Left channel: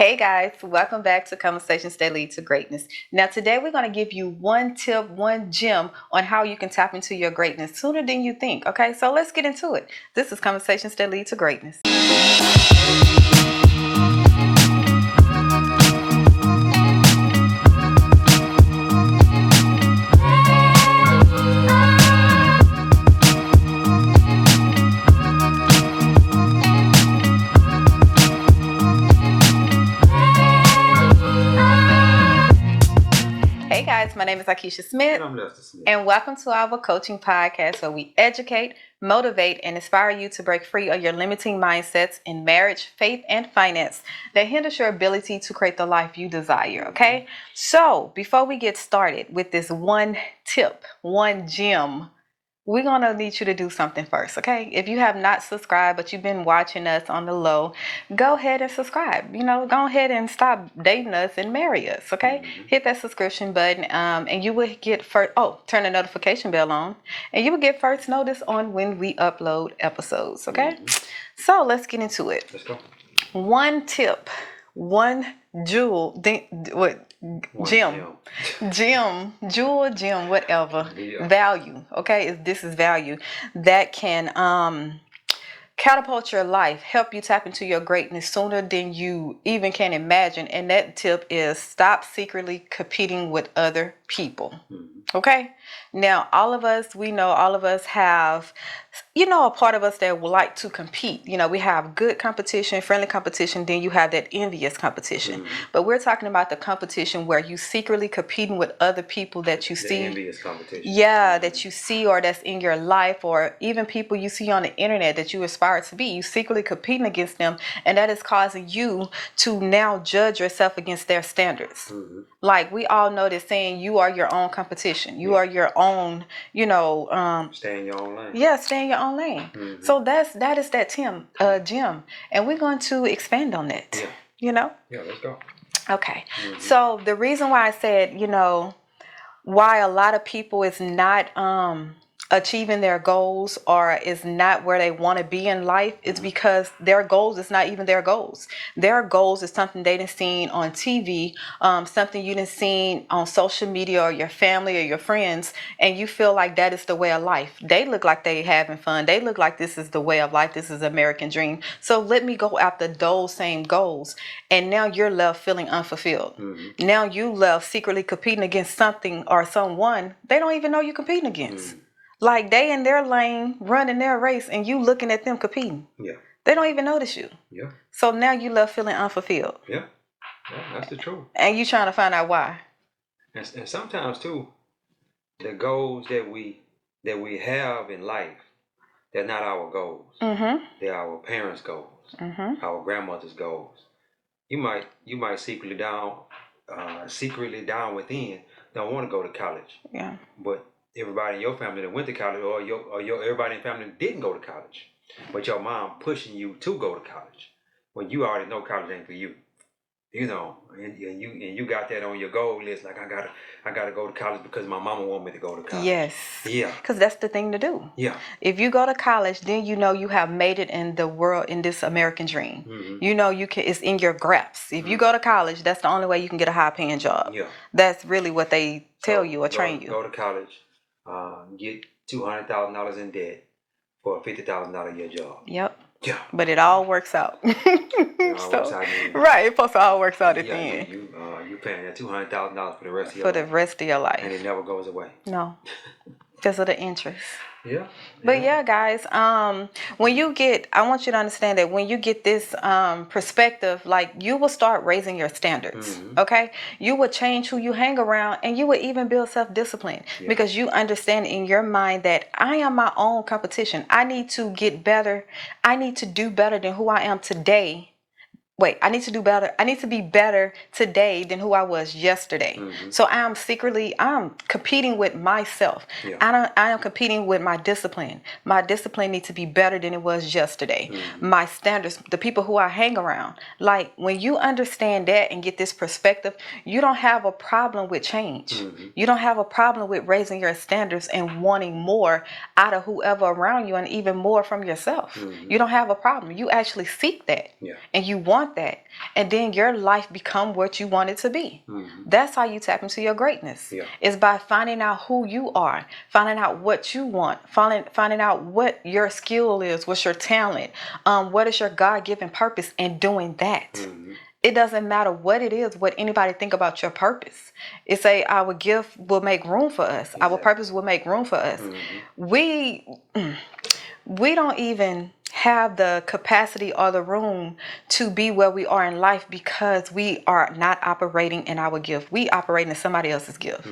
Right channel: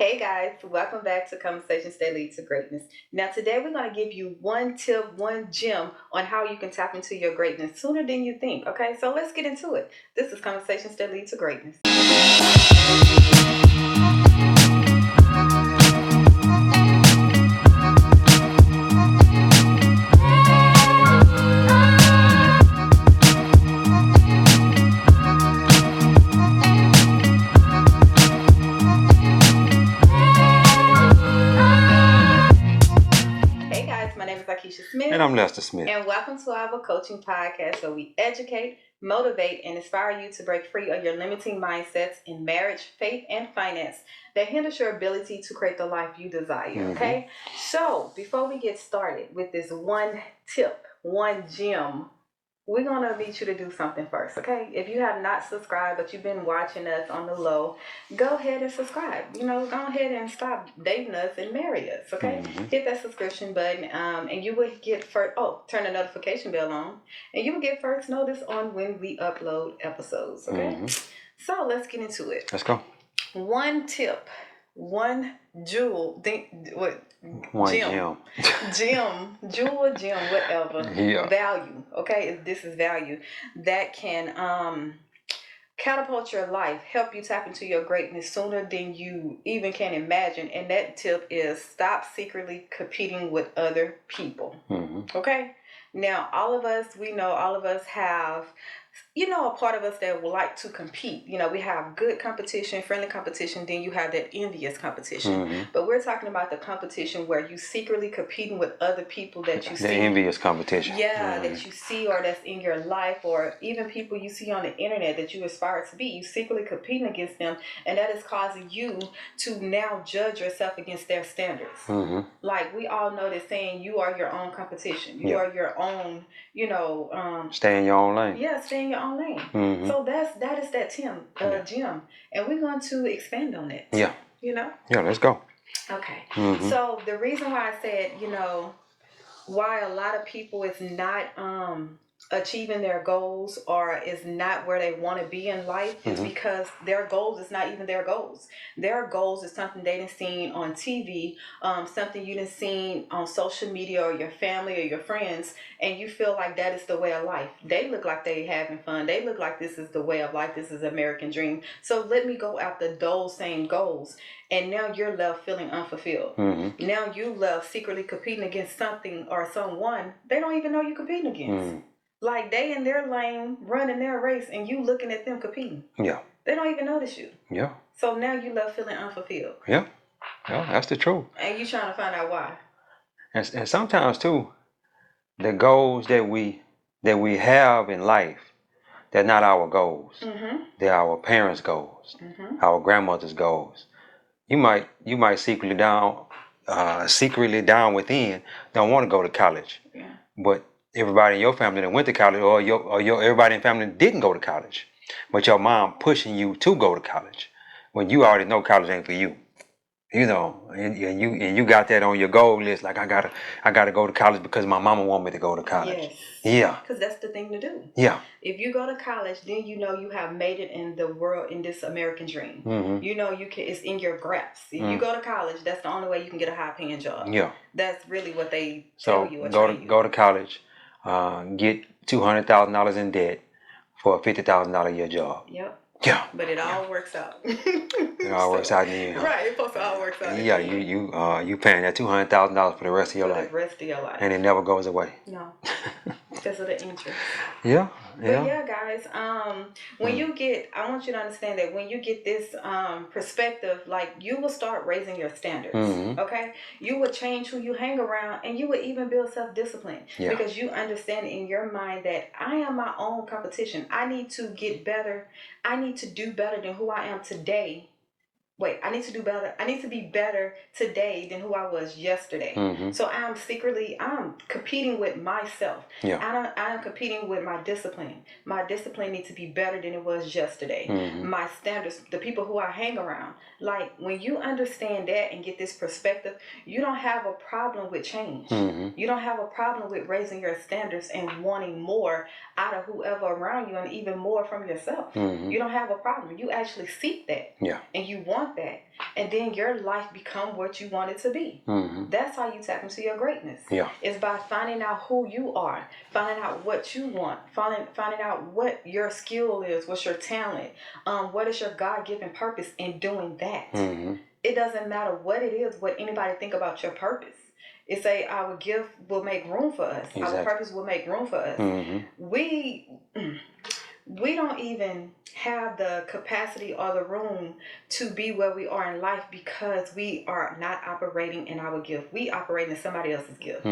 Hey guys, welcome back to Conversations That Lead to Greatness. Now, today we're going to give you one tip, one gem on how you can tap into your greatness sooner than you think. Okay, so let's get into it. This is Conversations That Lead to Greatness. Hey guys, my name is Akeisha Smith. And I'm Lester Smith. And welcome to our coaching podcast where we educate, motivate, and inspire you to break free of your limiting mindsets in marriage, faith, and finance that hinders your ability to create the life you desire. Okay? So, before we get started with this one tip, one gem, we're going to need you to do something first, okay? If you have not subscribed, but you've been watching us on the low, go ahead and subscribe. Go ahead and stop dating us and marry us, okay? Hit that subscription button, and you will get first, turn the notification bell on, and you will get first notice on when we upload episodes, okay? So let's get into it. Let's go. One tip, one jewel, gem, jewel, gem, whatever. Yeah. Value, okay? This is value that can catapult your life, help you tap into your greatness sooner than you even can imagine. And that tip is stop secretly competing with other people. Okay? Now, all of us have, a part of us that would like to compete. We have good competition, friendly competition, then you have that envious competition. But we're talking about the competition where you secretly competing with other people that you see. The envious competition. Yeah, that you see or that's in your life, or even people you see on the internet that you aspire to be. You secretly competing against them, and that is causing you to now judge yourself against their standards. Like we all know that saying you are your own competition. You are your own, stay in your own lane. Yeah, stay in your own lane. So that is that gem. And we're going to expand on that. Yeah. Yeah, let's go. Okay. So the reason why I said, why a lot of people is not achieving their goals or is not where they want to be in life, it's because their goals is not even their goals. Their goals is something they done seen on TV, something you done seen on social media or your family or your friends, and you feel like that is the way of life. They look like they having fun. They look like this is the way of life. This is American dream. So let me go after those same goals. And now you're left feeling unfulfilled. Now you left secretly competing against something or someone they don't even know you're competing against. Like they in their lane, running their race, and you looking at them competing. Yeah. They don't even notice you. Yeah. So now you left feeling unfulfilled. Yeah. Yeah, that's the truth. And you trying to find out why. And sometimes too, the goals that we have in life, they're not our goals. They're our parents' goals, our grandmother's goals. You might secretly down within don't want to go to college. Yeah. But everybody in your family that went to college, or your everybody in family didn't go to college, but your mom pushing you to go to college when you already know college ain't for you. And you got that on your goal list. Like I gotta go to college because my mama want me to go to college. Yes. Yeah. Because that's the thing to do. Yeah. If you go to college, then you have made it in the world, in this American dream. You can. It's in your grasp. If you go to college, that's the only way you can get a high paying job. Yeah. That's really what they tell you or train you. Go to college, get $200,000 in debt for a $50,000 a year job. Yep. Yeah. But it all works out. It all works out in the end. Right. It's supposed to all works out at the end. You paying that $200,000 for the rest of your life. For the rest of your life. And it never goes away. No. Because of the interest. Yeah. But yeah, guys, I want you to understand that when you get this perspective, like you will start raising your standards. Okay? You will change who you hang around, and you will even build self-discipline because you understand in your mind that I am my own competition. I need to get better. I need to do better than who I am today. I need to do better. I need to be better today than who I was yesterday. So I'm competing with myself. Yeah. I am competing with my discipline. My discipline needs to be better than it was yesterday. My standards, the people who I hang around. Like when you understand that and get this perspective, you don't have a problem with change. You don't have a problem with raising your standards and wanting more out of whoever around you and even more from yourself. You don't have a problem. You actually seek that. Yeah. And you want want that. And then your life become what you want it to be. That's how you tap into your greatness. Yeah. It's by finding out who you are, finding out what you want, finding out what your skill is, what's your talent, what is your God-given purpose, and doing that. It doesn't matter what it is, what anybody think about your purpose. It's our gift will make room for us. Our purpose will make room for us. We don't even have the capacity or the room to be where we are in life because we are not operating in our gift. We operate in somebody else's gift.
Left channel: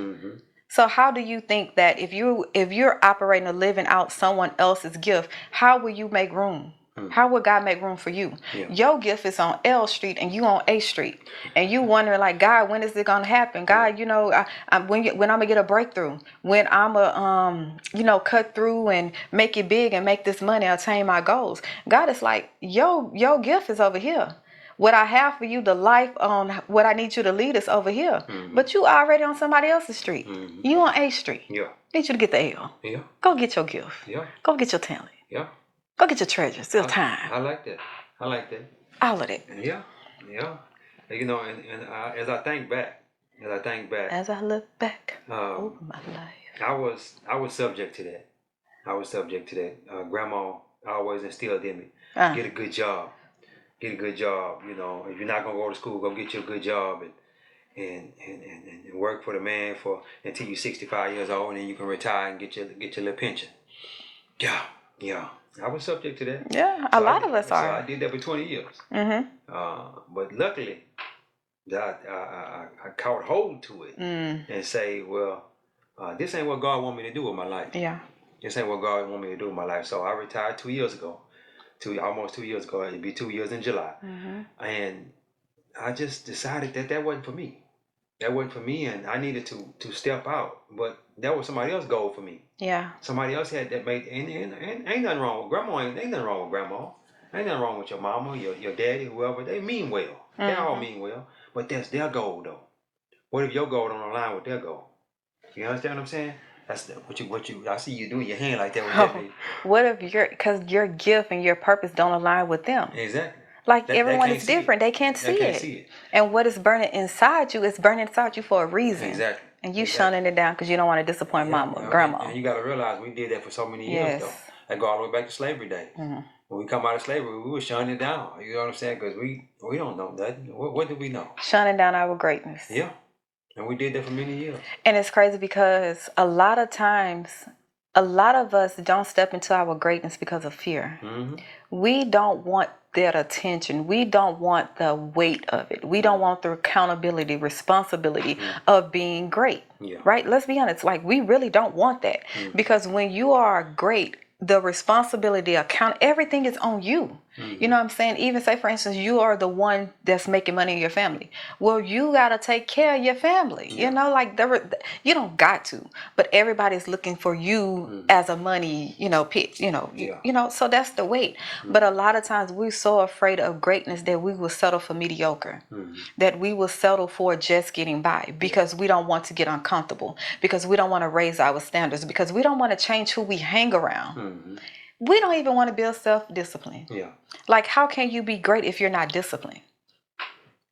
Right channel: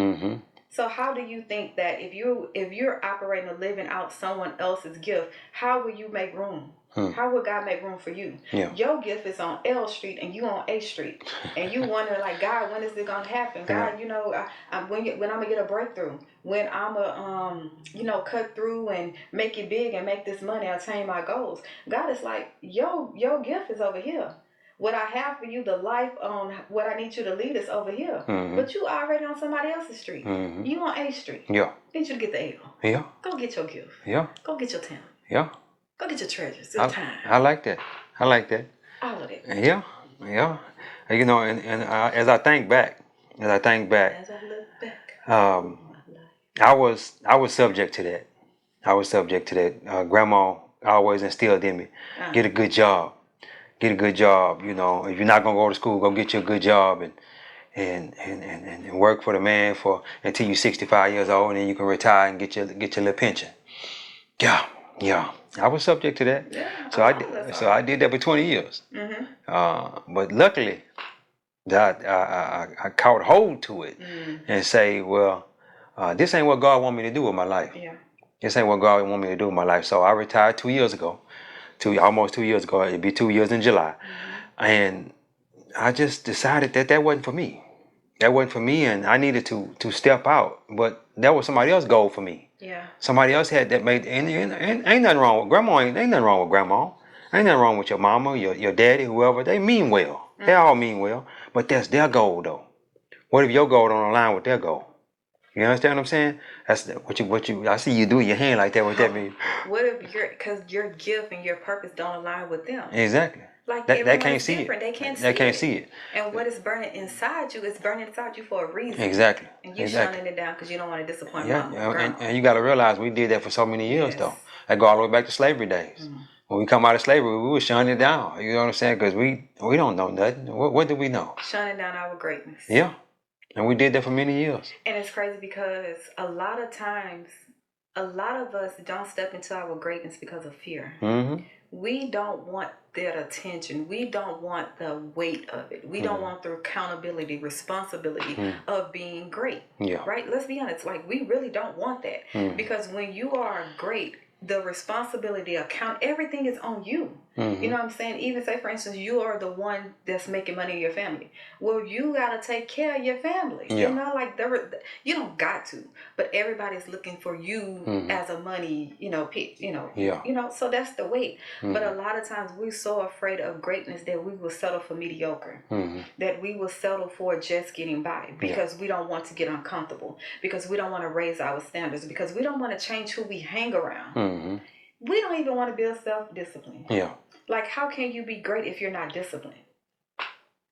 So how do you think that if you're operating or living out someone else's gift, how will you make room? How would God make room for you? Yeah. Your gift is on L Street and you on A Street, and you wondering like, God, when is it gonna happen? God, when I'm gonna get a breakthrough, when I'm a cut through and make it big and make this money, attain my goals. God is like, your gift is over here. What I have for you, the life what I need you to lead is over here. But you already on somebody else's street. You on A Street. Yeah. Need you to get the L. Yeah. Go get your gift. Yeah. Go get your talent. Yeah. Go get your treasure. Still time. I like that. I like that. All of it. Yeah. Yeah. And, as I think back, as I look back, my life, I was subject to that. Grandma always instilled in me, get a good job. Get a good job. If you're not gonna go to school, go get you a good job and work for the man until you're 65 years old, and then you can retire and get your little pension. Yeah. I was subject to that. Yeah, a lot of us are. So I did that for 20 years. But luckily, I caught hold to it and say, well, this ain't what God want me to do with my life. Yeah. This ain't what God want me to do with my life. So I retired 2 years ago. Almost 2 years ago. It'd be 2 years in July. And I just decided that wasn't for me. That wasn't for me, and I needed to step out. But that was somebody else's goal for me. Yeah. Somebody else had that made, and ain't nothing wrong with grandma. Ain't nothing wrong with grandma. Ain't nothing wrong with your mama, your daddy, whoever. They mean well. They all mean well. But that's their goal, though. What if your goal don't align with their goal? You understand what I'm saying? That's what you. I see you do your hand like that. What that mean? What if because your gift and your purpose don't align with them? Exactly. Like everyone is different. They can't see it. They can't see it. And what is burning inside you is burning inside you for a reason. Exactly. And you shunning it down because you don't want to disappoint mama or grandma. And you got to realize we did that for so many years, though. I go all the way back to slavery days. When we come out of slavery, we were shunning it down. You know what I'm saying? Because we don't know nothing. What do we know? Shunning down our greatness. Yeah. And we did that for many years. And it's crazy because a lot of times, a lot of us don't step into our greatness because of fear. We don't want that attention. We don't want the weight of it. We don't want the accountability, responsibility of being great. Yeah. Right? Let's be honest. Like, we really don't want that. Because when you are great, the responsibility, everything is on you. You know what I'm saying? Even say, for instance, you are the one that's making money in your family. Well, you got to take care of your family. Yeah. You know, like you don't got to, but everybody's looking for you as a money, pit, so that's the weight. But a lot of times we're so afraid of greatness that we will settle for mediocre, that we will settle for just getting by because we don't want to get uncomfortable, because we don't want to raise our standards, because we don't want to change who we hang around. We don't even want to build self-discipline. Yeah. Like, how can you be great if you're not disciplined?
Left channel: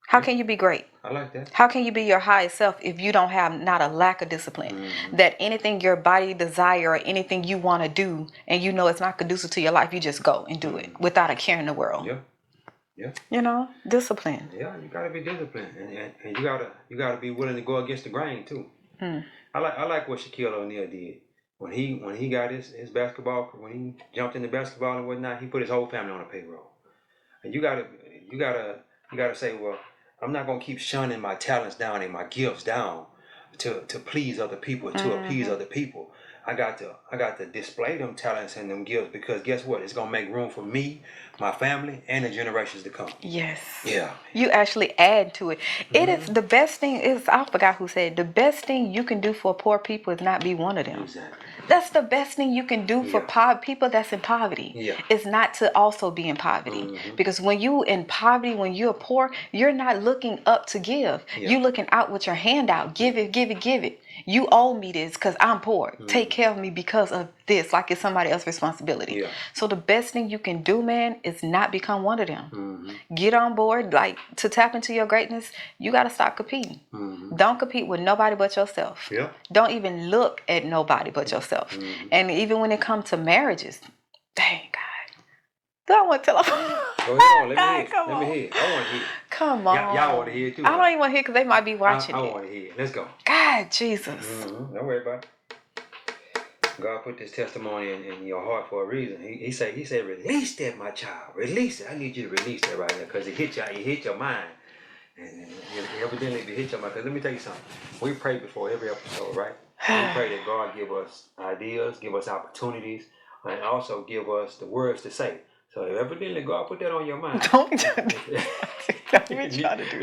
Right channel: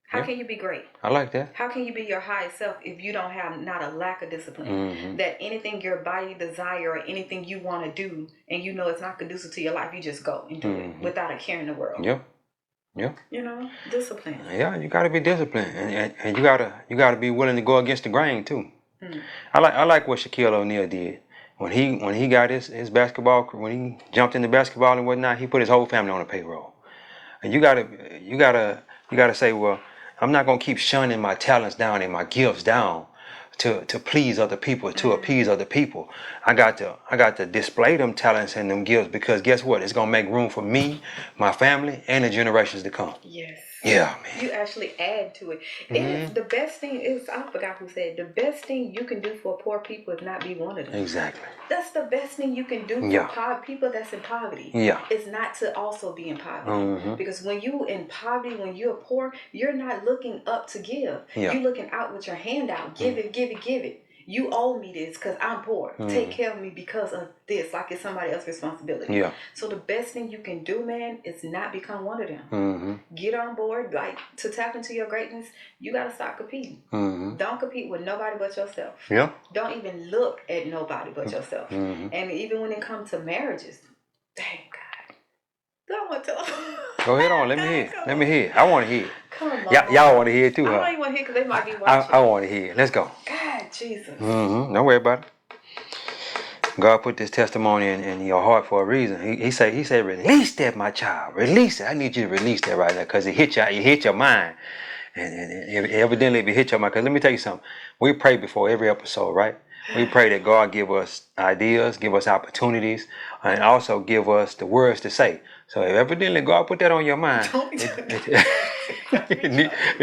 How can you be great? I like that. How can you be your highest self if you don't have not a lack of discipline? That anything your body desire or anything you want to do and you know it's not conducive to your life, you just go and do it without a care in the world. Yeah. Discipline. Yeah, you gotta be disciplined, and you gotta be willing to go against the grain too. I like what Shaquille O'Neal did. When he got his basketball, when he jumped into basketball and whatnot, he put his whole family on the payroll. And you gotta say, well, I'm not gonna keep shunning my talents down and my gifts down to please other people, to appease other people. I got to display them talents and them gifts, because guess what? It's gonna make room for me, my family, and the generations to come. Yes. Yeah. You actually add to it. It is the best thing. I forgot who said the best thing you can do for poor people is not be one of them. Exactly. That's the best thing you can do for people that's in poverty. Yeah. Is not to also be in poverty. Because when you in poverty, when you're poor, you're not looking up to give. Yeah. You're looking out with your hand out. Give it, give it, give it. You owe me this because I'm poor. Take care of me because of this, like it's somebody else's responsibility. Yeah. So the best thing you can do, man, is not become one of them. Get on board. Like, to tap into your greatness, you got to stop competing. Don't compete with nobody but yourself. Yeah. Don't even look at nobody but yourself. And even when it comes to marriages, dang, God. Do I want to tell them? Go ahead on. Let me hear it. Let me hear it. I want to hear it. Come on. Y'all want to hear it too, I don't even want to hear it because they might be watching. I want to hear it. Let's go. God, Jesus. Don't worry about it. God put this testimony in your heart for a reason. He said, release that, my child. Release it. I need you to release that right now because it hit your mind. And evidently it hit your mind. Because let me tell you something. We pray before every episode, right? We pray that God give us ideas, give us opportunities, and also give us the words to say. So if evidently God put that on your mind, it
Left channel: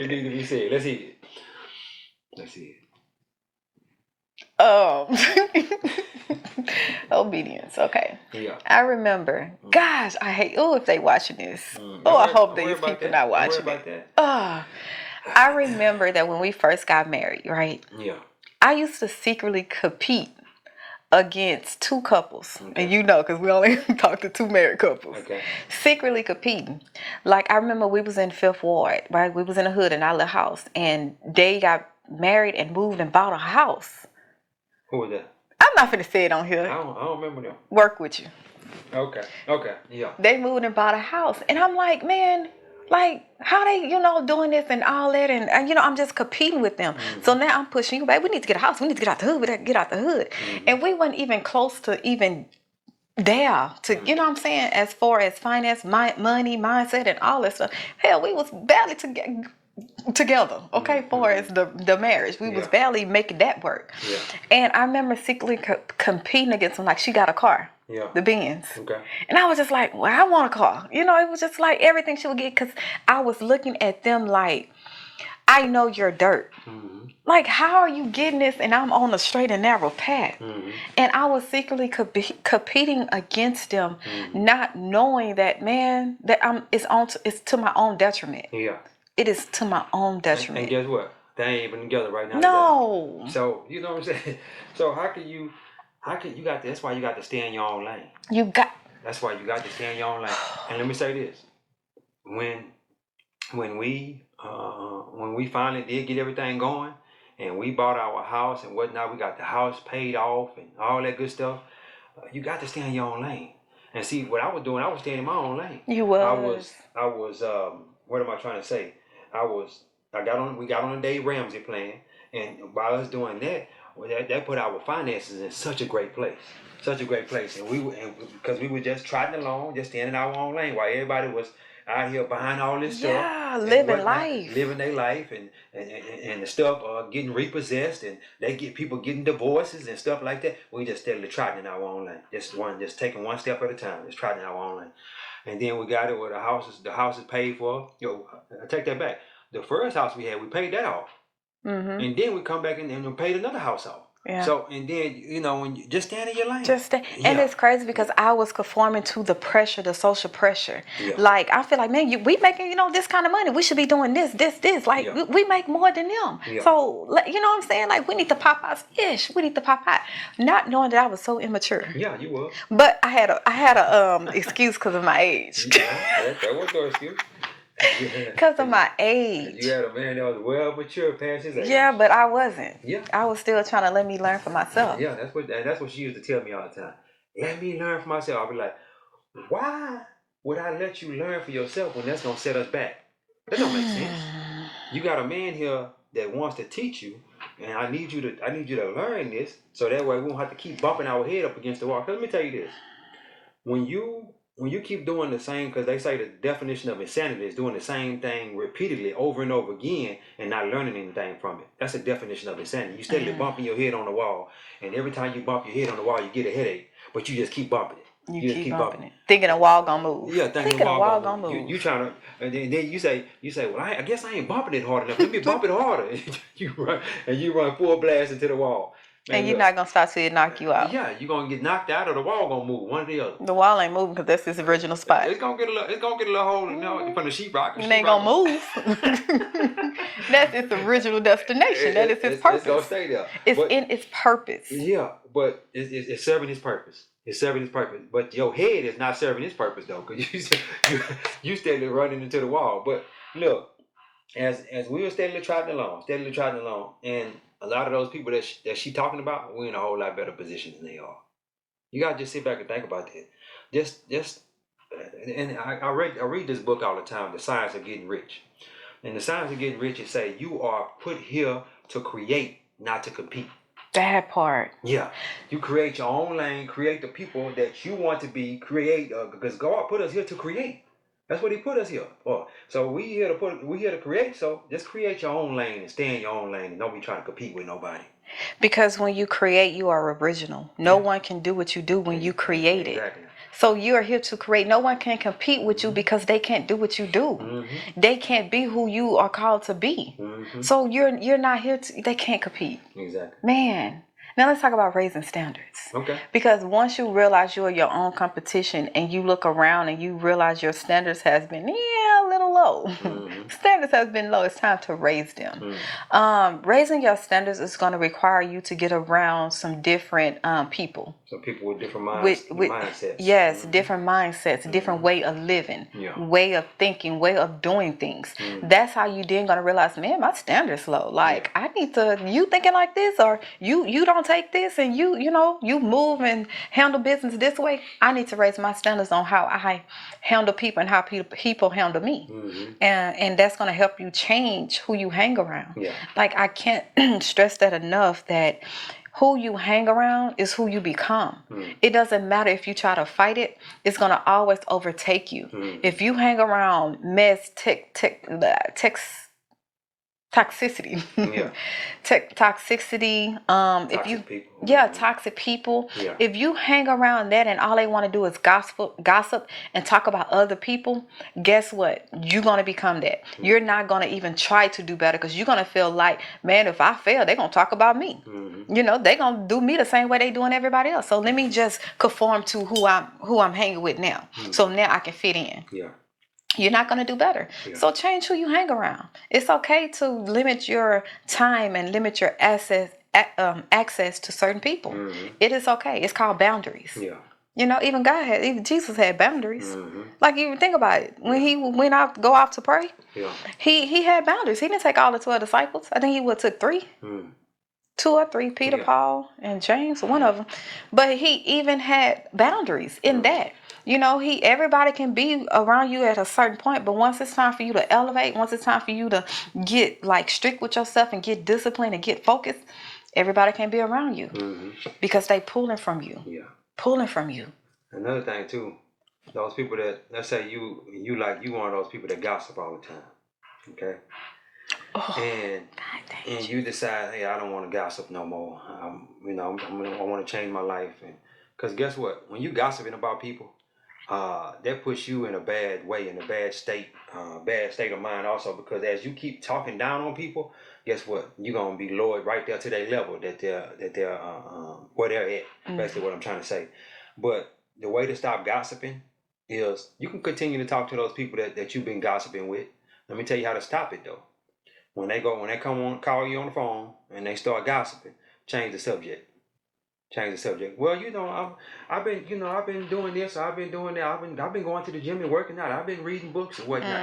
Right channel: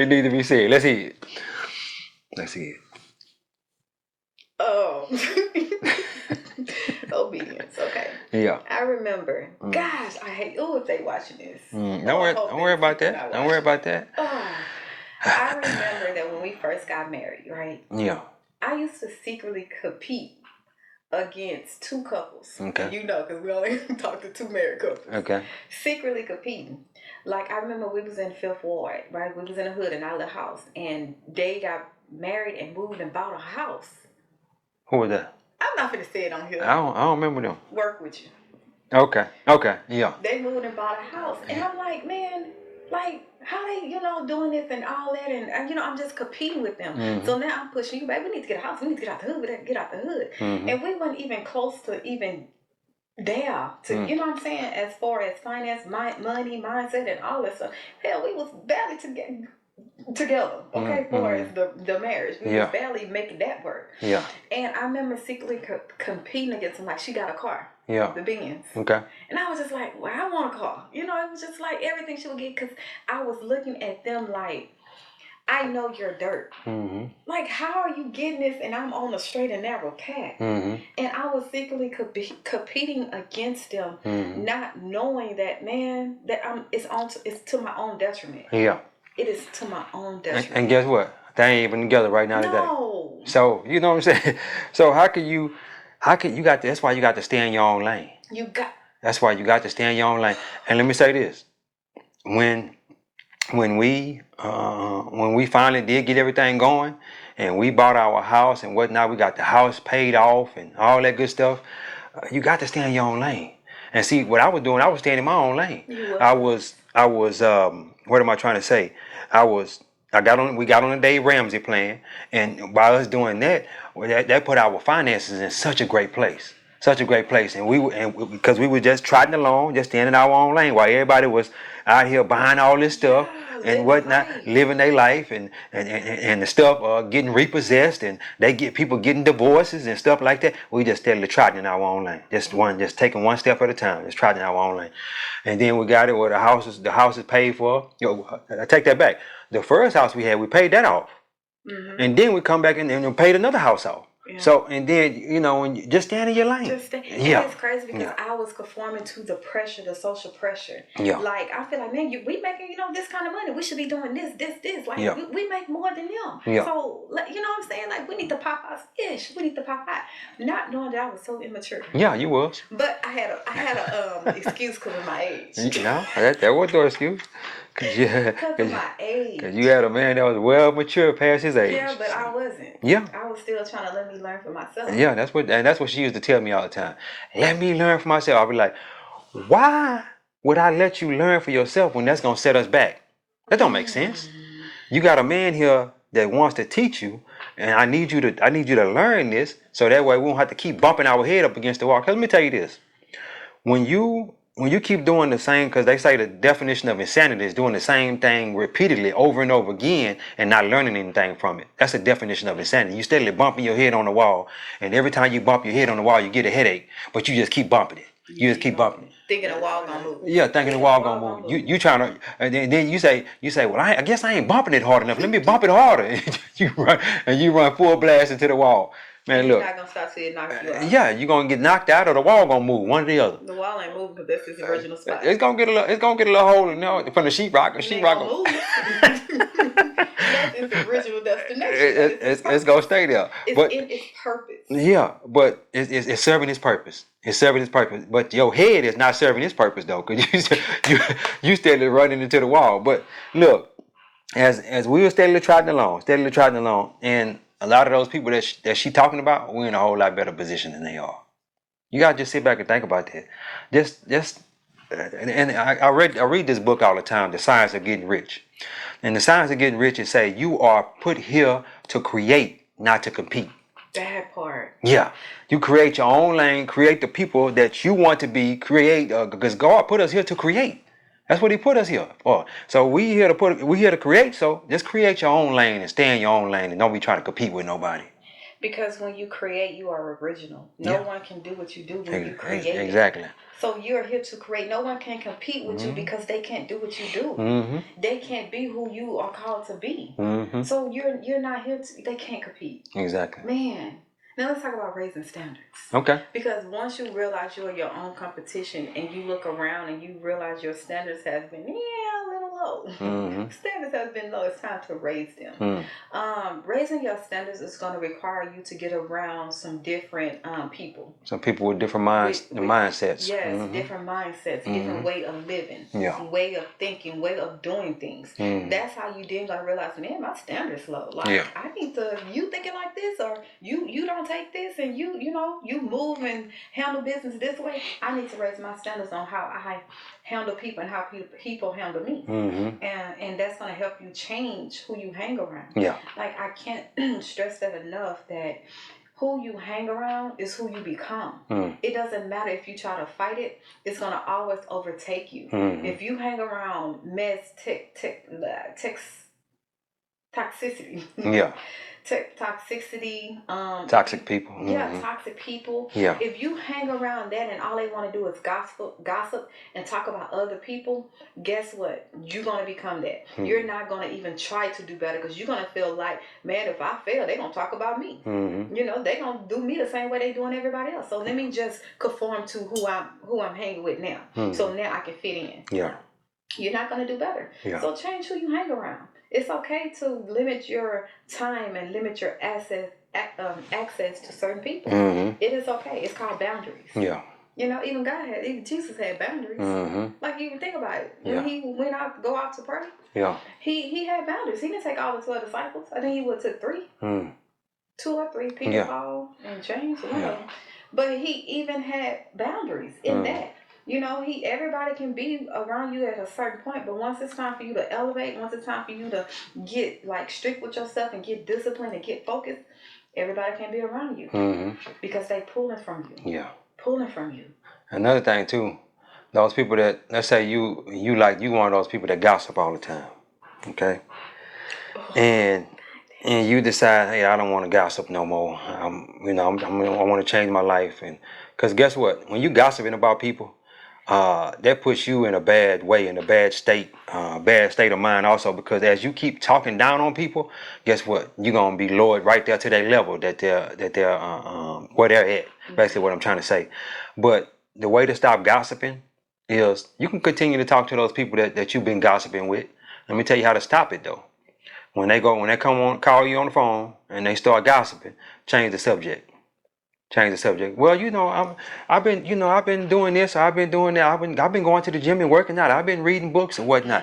needs to be said. Let's see it. Let's see it. Obedience. Okay. Yeah. I remember. Gosh, I hate. Oh, if they watching this. I hope don't worry about that. Don't worry about that. I remember that when we first got married, right? Yeah. I used to secretly compete against two couples. Okay. And you know, because we only talk to two married couples. Okay. Secretly competing. Like, I remember we was in 5th Ward, right? We was in a hood in our little house. And they got married and moved and bought a house. Who was that? I'm not finna say it on here. I don't remember them. Work with you. Okay. Yeah. They moved and bought a house. And I'm like, man, like, how they, doing this and all that. And, I'm just competing with them. So now I'm pushing you, babe. We need to get a house. We need to get out the hood. We need to get out the hood. And we weren't even close to even there to, you know what I'm saying? As far as finance, money, mindset, and all that stuff. Hell, we was barely together, okay, for as the marriage. We was barely making that work. Yeah. And I remember secretly competing against them. Like, she got a car. Yeah. The Benz. Okay. And I was just like, well, I want a car. It was just like everything she would get because I was looking at them like, I know your dirt. Like, how are you getting this and I'm on a straight and narrow path? And I was secretly competing against them, not knowing that, man, that it's to my own detriment. Yeah. It is to my own detriment. And guess what? They ain't even together right now No. today. So, you know what I'm saying? So that's why you got to stay in your own lane. That's why you got to stay in your own lane. And let me say this. When we finally did get everything going and we bought our house and whatnot, we got the house paid off and all that good stuff, you got to stay in your own lane. And see, what I was doing, I was staying in my own lane. You were. I was what am I trying to say? We got on the Dave Ramsey plan, and by us doing that, that put our finances in such a great place. And because we were just trotting along, just staying in our own lane while everybody was out here buying all this stuff and whatnot, living their life and the stuff getting repossessed and people getting divorces and stuff like that. We just steadily trotting in our own lane, just taking one step at a time, just trotting in our own lane. And then we got it where the house is paid for. I take that back. The first house we had, we paid that off, and then we come back and paid another house off. Yeah. So, and then, when you just stand in your lane. And it's crazy because I was conforming to the pressure, the social pressure. Yeah. Like, I feel like, man, we making, this kind of money. We should be doing this. Like, we make more than them. Yeah. So, you know what I'm saying? Like, we need to pop out ish. We need to pop out. Not knowing that I was so immature. Yeah, you was. But I had a excuse because of my age. Yeah, that was no excuse. Because of my age. Cause you had a man that was well mature past his age. Yeah, but I wasn't. Yeah. I was still trying to let me learn for myself. Yeah, that's what she used to tell me all the time. Let me learn for myself. I'll be like, why would I let you learn for yourself when that's gonna set us back? That don't make sense. You got a man here that wants to teach you, and I need you to learn this so that way we won't have to keep bumping our head up against the wall. Cause let me tell you this. When you keep doing the same, because they say the definition of insanity is doing the same thing repeatedly over and over again and not learning anything from it. That's the definition of insanity. You steadily bumping your head on the wall, and every time you bump your head on the wall, you get a headache, but you just keep bumping it. You just keep bumping it. Thinking the wall gonna move. Yeah, thinking the wall gonna move. You trying to, and then you say, well, I guess I ain't bumping it hard enough. Let me bump it harder. You run full blast into the wall. Man, and you're not gonna stop till it knock you out. Yeah, you're gonna get knocked out, or the wall gonna move, one or the other. The wall ain't moving because that's his original spot. It's gonna get a little hole, from the sheetrock. It ain't gonna move. That's its original destination. That is its purpose. It's gonna stay there. It's in its purpose. Yeah, but it's serving its purpose. It's serving its purpose. But your head is not serving its purpose though, because you steadily running into the wall. But look, as we were steadily trotting along, and a lot of those people that she talking about, we're in a whole lot better position than they are. You gotta just sit back and think about that. And I read this book all the time, The Science of Getting Rich. And the science of getting rich is say you are put here to create, not to compete. That part. Yeah, you create your own lane, create the people that you want to be, because God put us here to create. That's what He put us here for. So we here to create. So just create your own lane and stay in your own lane, and don't be trying to compete with nobody. Because when you create, you are original. No one can do what you do when you create it. Exactly. So you're here to create. No one can compete with you because they can't do what you do. They can't be who you are called to be. So you're not here to. They can't compete. Exactly. Man. Now let's talk about raising standards. Okay. Because once you realize you're your own competition and you look around and you realize your standards has been a little low. Standards has been low. It's time to raise them. Raising your standards is going to require you to get around some different people. Some people with different mindsets. Yes, different mindsets, different way of living, way of thinking, way of doing things. That's how you then going to realize, man, my standards low. Like I need to. You thinking like this, or you don't take this, and you move and handle business this way. I need to raise my standards on how I handle people and how people handle me. And that's going to help you change who you hang around. Like I can't stress that enough, that who you hang around is who you become. It doesn't matter if you try to fight it, it's going to always overtake you. If you hang around mess, toxicity. Toxicity. Toxic people. Toxic people. If you hang around that and all they want to do is gossip and talk about other people, guess what? You're going to become that. You're not going to even try to do better, because you're going to feel like, man, if I fail, they're going to talk about me. They're going to do me the same way they doing everybody else. So let me just conform to who I'm hanging with now. So now I can fit in. You're not going to do better. So change who you hang around. It's okay to limit your time and limit your access to certain people. It is okay. It's called boundaries. Even Jesus had boundaries. Like, you think about it. When he went out, go off to pray, he had boundaries. He didn't take all the 12 disciples. I think he would took 3. 2 or 3, Peter, Paul, and James, one of them. But he even had boundaries in that. Everybody can be around you at a certain point, but once it's time for you to elevate, once it's time for you to get like strict with yourself and get disciplined and get focused, everybody can be around you because they pulling from you. Pulling from you. Another thing too, those people that, let's say you one of those people that gossip all the time, okay? And you decide, hey, I don't want to gossip no more. I want to change my life, and because guess what? When you gossiping about people, that puts you in a bad way, in a bad state of mind also, because as you keep talking down on people, guess what? You're gonna be lowered right there to their level that they're where they're at. Basically, what I'm trying to say. But the way to stop gossiping is you can continue to talk to those people that you've been gossiping with. Let me tell you how to stop it though. When they call you on the phone and they start gossiping, change the subject. Well, I've been doing this, or I've been doing that. I've been going to the gym and working out. I've been reading books and whatnot.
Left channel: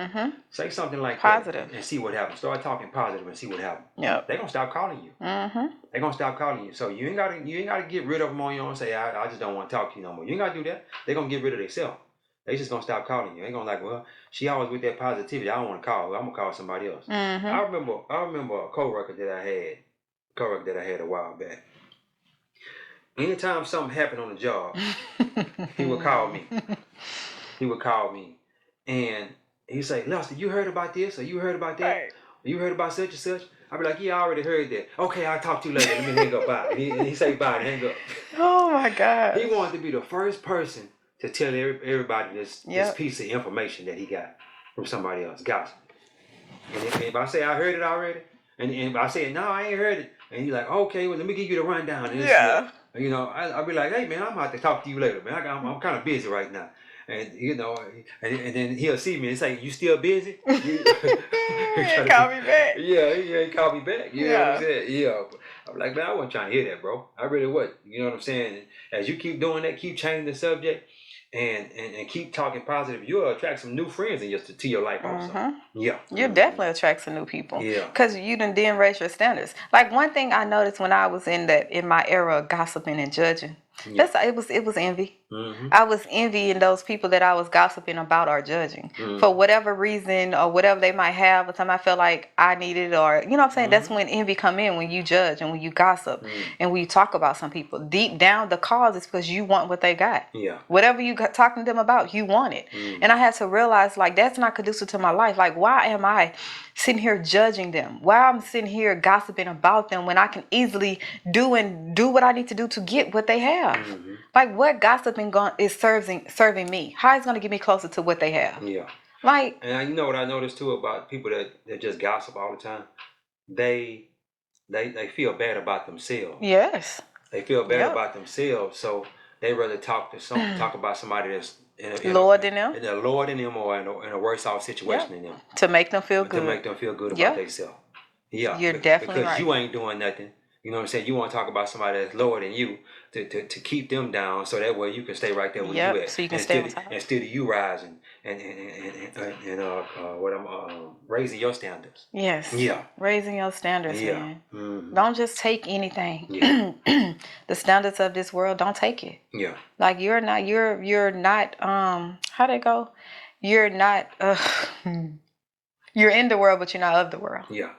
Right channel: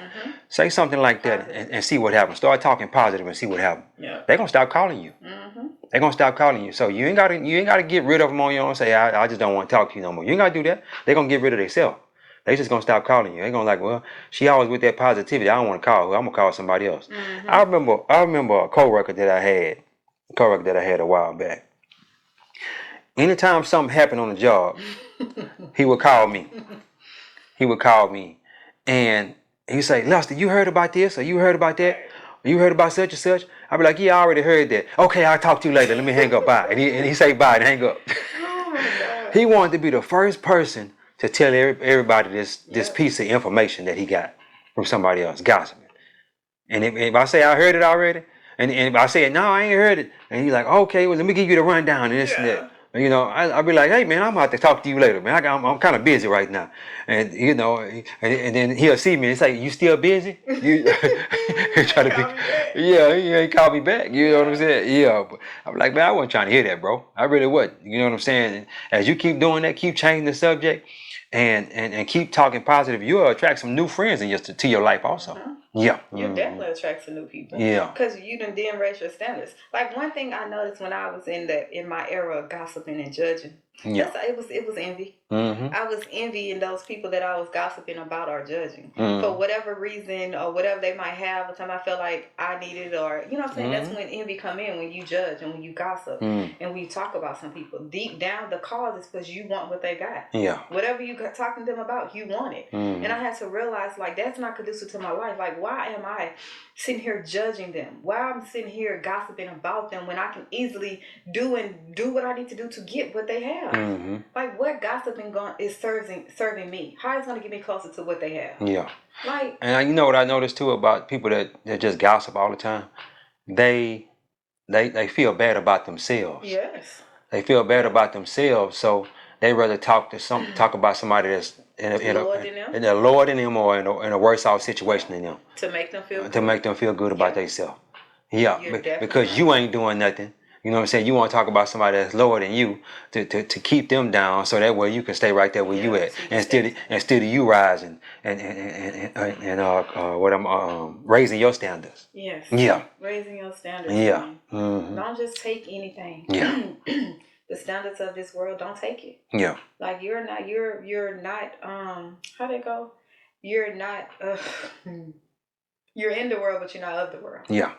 Say something like Positive. that and see what happens. Start talking positive and see what happens. They're gonna stop calling you. They're gonna stop calling you. So you ain't gotta get rid of them on your own. Say I just don't want to talk to you no more. You ain't gotta do that. They're gonna get rid of themselves. They just gonna stop calling you. They gonna like, well, she always with that positivity. I don't want to call her. I'm gonna call somebody else. I remember a coworker that I had a while back. Anytime something happened on the job, he would call me. And he'd say, Lester, you heard about this, or you heard about that, or you heard about such and such? I'd be like, yeah, I already heard that. Okay, I'll talk to you later. Let me hang up. Bye. And he say bye and hang up. Oh my God. He wanted to be the first person to tell everybody this piece of information that he got from somebody else, gossiping. And if I say I heard it already, And I said, no, I ain't heard it. And he's like, okay, well, let me give you the rundown and this and that. And, I'll be like, hey, man, I'm about to talk to you later, man. I'm kind of busy right now. And, and then he'll see me and say, you still busy? You Call me back. Yeah, he ain't call me back. You know what I'm saying? Yeah. But I'm like, man, I wasn't trying to hear that, bro. I really wasn't. You know what I'm saying? And as you keep doing that, keep changing the subject and keep talking positive, you'll attract some new friends to your life also. Yeah. You definitely attract some new people. Yeah. Because you didn't raise your standards. Like one thing I noticed when I was in my era of gossiping and judging, it was envy. I was envying those people that I was gossiping about or judging for whatever reason or whatever they might have. Or time I felt like I needed, or you know what I'm saying. That's when envy come in, when you judge and when you gossip and when you talk about some people. Deep down, the cause is because you want what they got. Yeah. Whatever you got talking to them about, you want it. And I had to realize like that's not conducive to my life. Like why am I sitting here judging them? Why I'm sitting here gossiping about them when I can easily do what I need to do to get what they have? Like what gossiping is serving me? How is it going to get me closer to what they have? Yeah. Like, and you know what I noticed too about people that just gossip all the time? They feel bad about themselves. Yes. They feel bad about themselves, so they rather talk about somebody that's lower than them. And they're lower than them or in a worse off situation than them. To make them feel good. To make them feel good about themselves. Yeah. You're definitely because right. you ain't doing nothing. You know what I'm saying? You want to talk about somebody that's lower than you to keep them down, so that way you can stay right there where you at, so you instead of you rising and raising your standards. Yes. Yeah. Raising your standards. Yeah. Man. Don't just take anything. Yeah. The standards of this world, don't take it. Yeah. Like you're not how'd it go? You're not you're in the world, but you're not of the world. Yeah.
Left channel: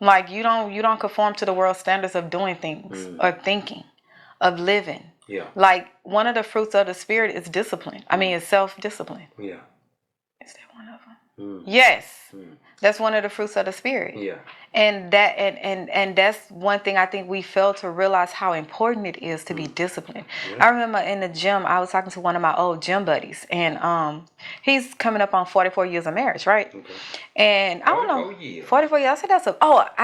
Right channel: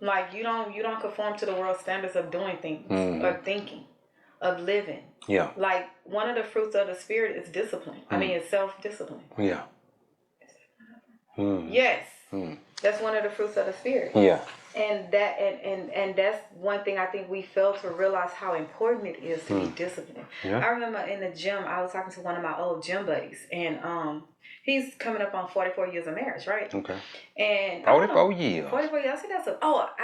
Like you don't conform to the world's standards of doing things, of thinking, of living. Yeah. Like one of the fruits of the spirit is discipline. I mean, it's self-discipline. Yeah. Is that one of them? Yes. That's one of the fruits of the spirit. Yeah. And that and that's one thing I think we fail to realize how important it is to be disciplined. Yeah. I remember in the gym, I was talking to one of my old gym buddies, and he's coming up on 44 years of marriage, right? Okay. And I don't know, 44 years. 44 years. I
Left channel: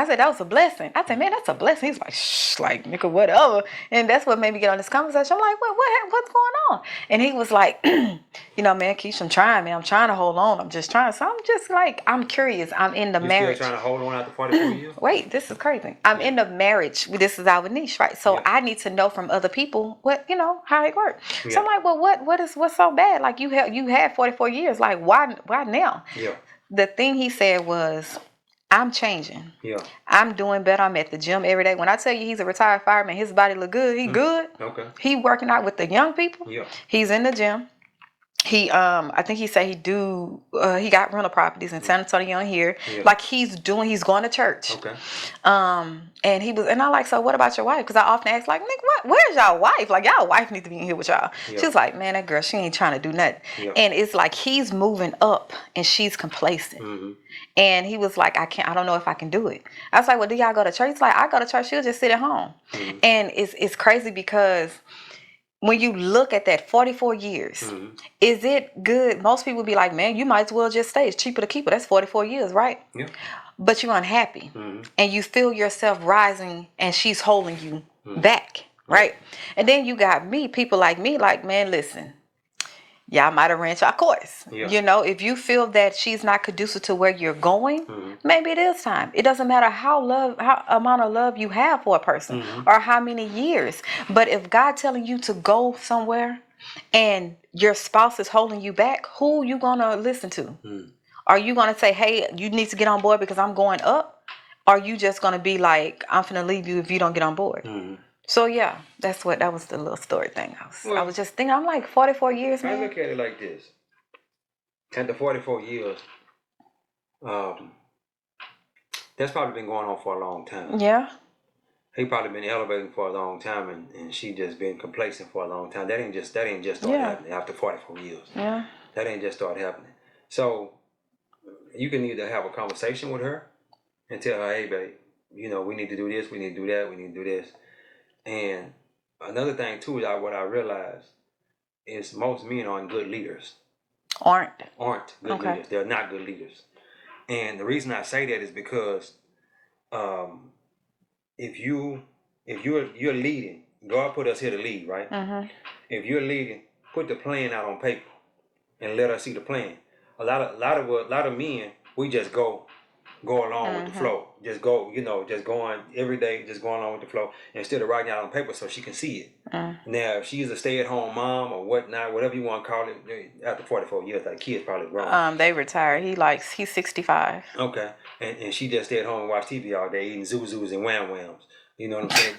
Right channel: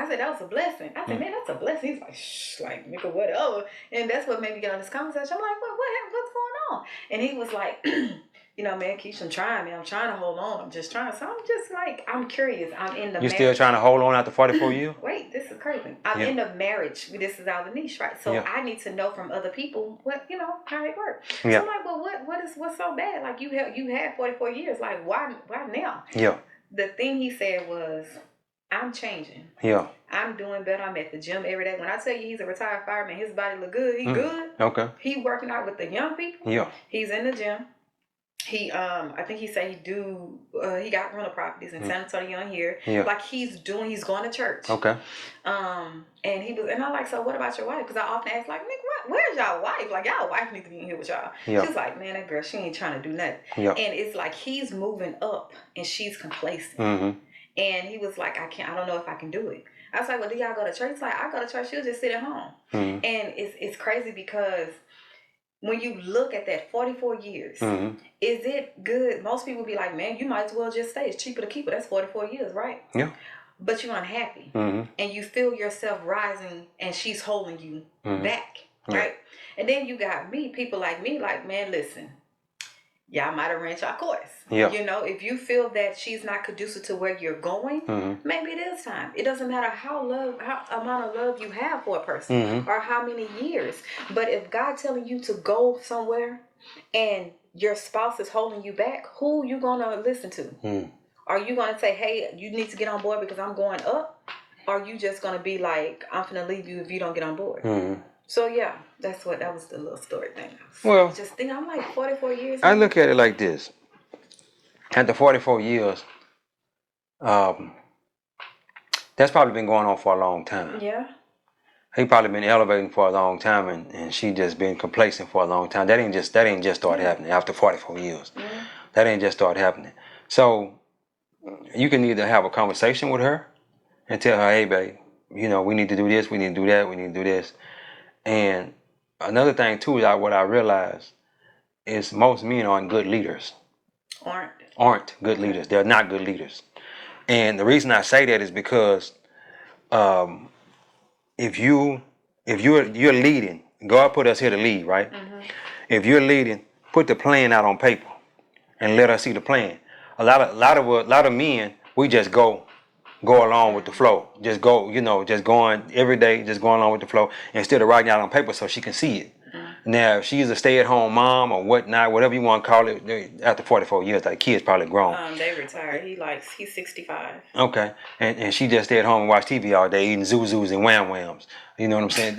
said that was a blessing. I said, man, that's a blessing. He's like, shh, like nigga, whatever. And that's what made me get on this conversation. I'm like, what's going on? And he was like, you know, man, Keisha, I'm trying, man. I'm trying to hold on. I'm just trying. So I'm just like, I'm curious. I'm in the marriage. You still trying to hold on after 44 years? Wait, this is crazy. I'm in the marriage. This is our niche, right? So I need to know from other people how it works. So I'm like, well, what's so bad? Like you had 44 years. Like why now? Yeah. The thing he said was, I'm changing. Yeah. I'm doing better. I'm at the gym every day. When I tell you he's a retired fireman, his body look good. He good. Okay. He working out with the young people. Yeah. He's in the gym. He I think he said he got rental properties in San Antonio here. Yeah. Like he's going to church. Okay. And I like, so what about your wife? Because I often ask like, Nick, where's y'all wife? Like y'all wife need to be in here with y'all. Yeah. She's like, man, that girl, she ain't trying to do nothing. Yeah. And it's like he's moving up and she's complacent. And he was like, I don't know if I can do it. I was like, well, do y'all go to church? He's like, I go to church. She'll just sit at home. And it's crazy because when you look at that 44 years, is it good? Most people be like, man, you might as well just stay. It's cheaper to keep it. That's 44 years, right? Yeah. But you're unhappy. And you feel yourself rising and she's holding you back, right? And then you got people like me, like, man, listen, y'all might have ran y'all course. Yeah. You know, if you feel that she's not conducive to where you're going, maybe it is time. It doesn't matter how amount of love you have for a person or how many years. But if God telling you to go somewhere and your spouse is holding you back, who you gonna listen to? Are you gonna say, hey, you need to get on board because I'm going up? Or are you just gonna be like, I'm finna leave you if you don't get on board? So yeah, that was the little story thing. I was just thinking, I'm like 44 years. I look at it like this. After 44 years, that's probably been going on for a long time. Yeah. He probably been elevating for a long time, and she just been complacent for a long time. That ain't just started happening after 44 years. Yeah. That ain't just started happening. So you can either have a conversation with her and tell her, hey, babe, we need to do this, we need to do that, we need to do this. And another thing too, what I realized is most men aren't good leaders. Aren't good leaders. They're not good leaders. And the reason I say that is because if you're leading, God put us here to lead, right? If you're leading, put the plan out on paper and let us see the plan. A lot of men, we just go along with the flow. Just go, just going every day, just going along with the flow instead of writing out on paper so she can see it. Now, if she's a stay-at-home mom or whatnot, whatever you want to call it, after 44 years, like kids probably grown. They retired. He's 65. Okay, and she just stay at home and watch TV all day, eating Zuzus and Wham Whams. You know what I'm saying?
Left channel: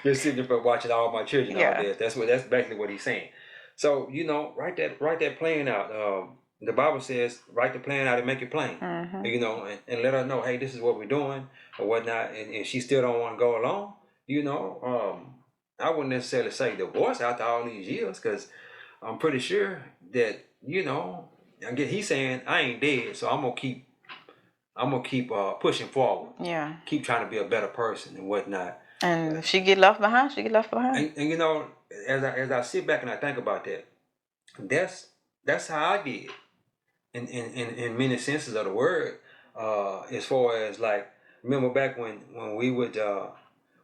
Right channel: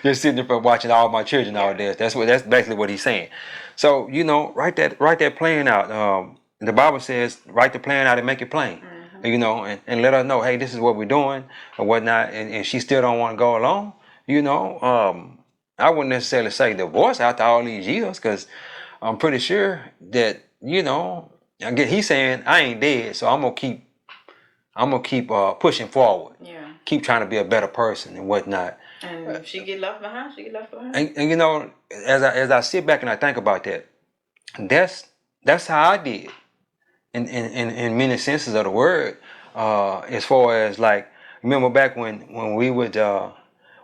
just sitting there watching all my children all day. That's basically what he's saying. So write that plan out. The Bible says write the plan out and make it plain. And let her know, hey, this is what we're doing or whatnot. And she still don't want to go along. I wouldn't necessarily say divorce after all these years, because I'm pretty sure that again, he's saying I ain't dead, so I'm gonna keep pushing forward. Yeah. Keep trying to be a better person and whatnot. And if she get left behind, she get left behind. And as I sit back and I think about that, that's how I did. In many senses of the word, as far as like, remember back when we would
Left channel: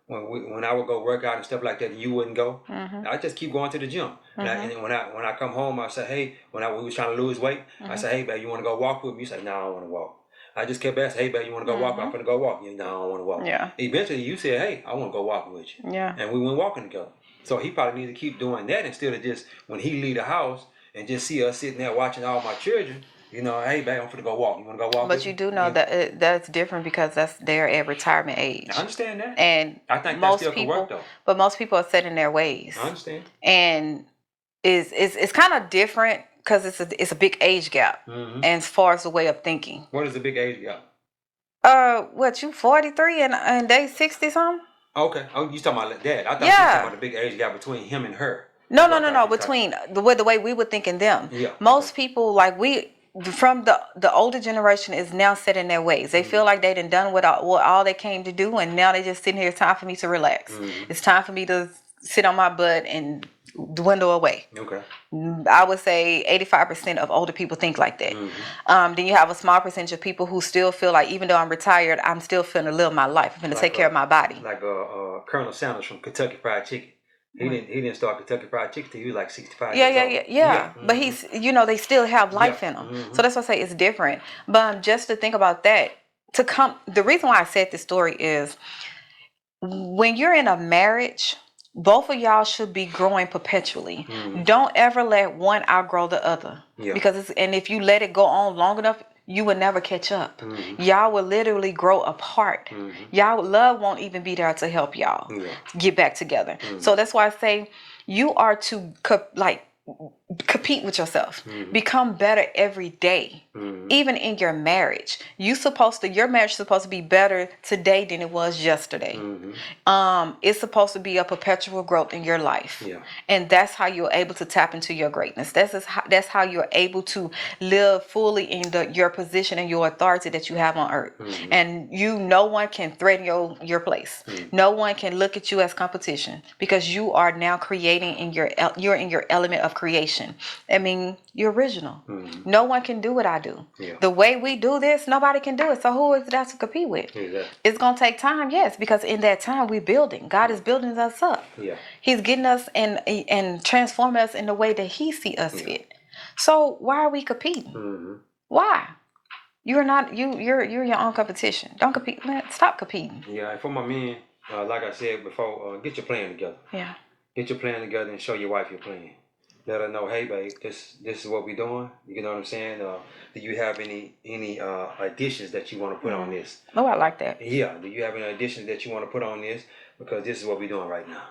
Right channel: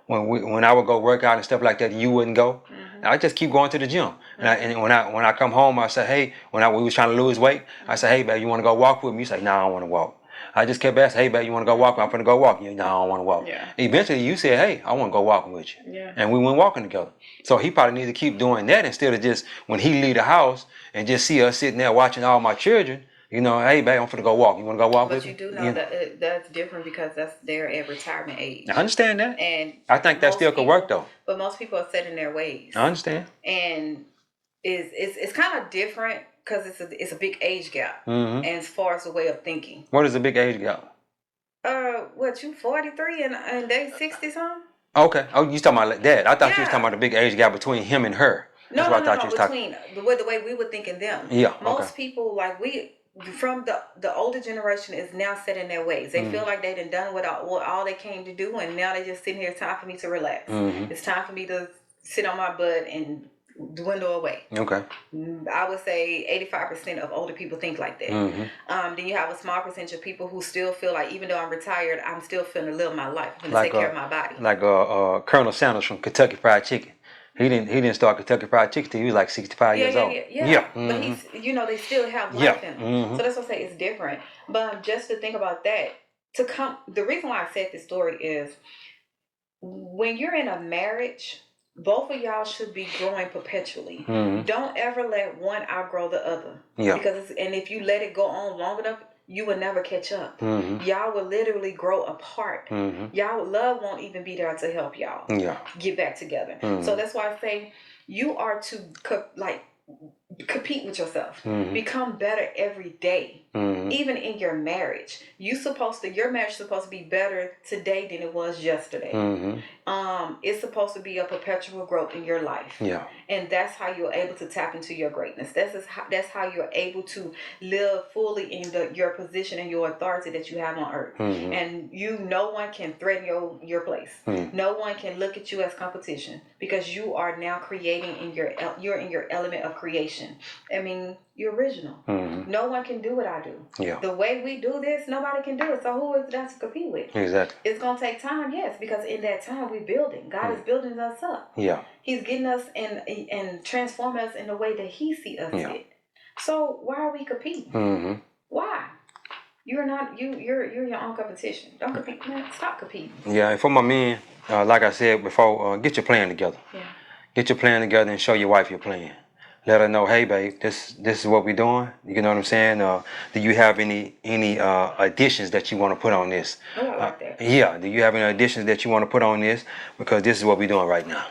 when I would go work out and stuff like that, you wouldn't go. I just keep going to the gym. And when I come home, I say, hey, we was trying to lose weight, I say, hey, babe, you want to go walk with me? You say, no, I don't want to walk. I just kept asking, hey, babe, you want to go walk? I'm finna go walk. You, no, I don't want to walk. Yeah. Eventually, you said, hey, I want to go walking with you. Yeah. And we went walking together. So he probably needs to keep doing that instead of just when he leave the house and just see us sitting there watching all my children. Hey, babe, I'm finna go walk. You want to go walk with me? But you do know that that's different because they're at retirement age. I understand that. And I think that still could work though. But most people are set in their ways. I understand. And it's kind of different because it's a big age gap. And as far as the way of thinking. What is the big age gap? What, you 43 and they 60 something? Okay. Oh, you talking about that? I thought you was talking about the big age gap between him and her. No. Between the way we were thinking them. Yeah. Most people from the older generation is now set in their ways. They feel like they done what all they came to do, and now they just sitting here. It's time for me to relax. It's time for me to sit on my butt and dwindle away. Okay. I would say 85% of older people think like that. Then you have a small percentage of people who still feel like, even though I'm retired, I'm still finna live my life. I'm finna take care of my body. Like Colonel Sanders from Kentucky Fried Chicken. He didn't start Kentucky Fried Chicken till he was like 65 years old. Yeah. But he's, they still have life in them. So that's why I say it's different. But just to think about that, the reason why I said this story is when you're in a marriage, both of y'all should be growing perpetually. Don't ever let one outgrow the other. Yeah. Because if you let it go on long enough, you will never catch up. Y'all will literally grow apart. Y'all love won't even be there to help y'all get back together. So that's why I say you are to compete with yourself. Become better every day. Even in your marriage. Your marriage is supposed to be better today than it was yesterday. It's supposed to be a perpetual growth in your life. Yeah. And that's how you're able to tap into your greatness. That's how you're able to live fully in your position and your authority that you have on earth. And no one can threaten your place. No one can look at you as competition because you are now creating you're in your element of creation. I mean, you're original. No one can do what I do. Yeah. The way we do this, nobody can do it. So who is that to compete with? Exactly. It's going to take time, yes, because in that time we're building. God is building us up. Yeah. He's getting us and transforming us in the way that He see us fit. So why are we competing? Why? You're not you're your own competition. Don't compete, man. Stop competing. Yeah, and for my men, like I said before, get your plan together. Yeah. Get your plan together and show your wife your plan. Let her know, hey, babe, this is what we're doing. You know what I'm saying? Do you have any additions that you want to put on this? Oh, I like that. Yeah. Do you have any additions that you want to put on this? Because this is what we're doing right now.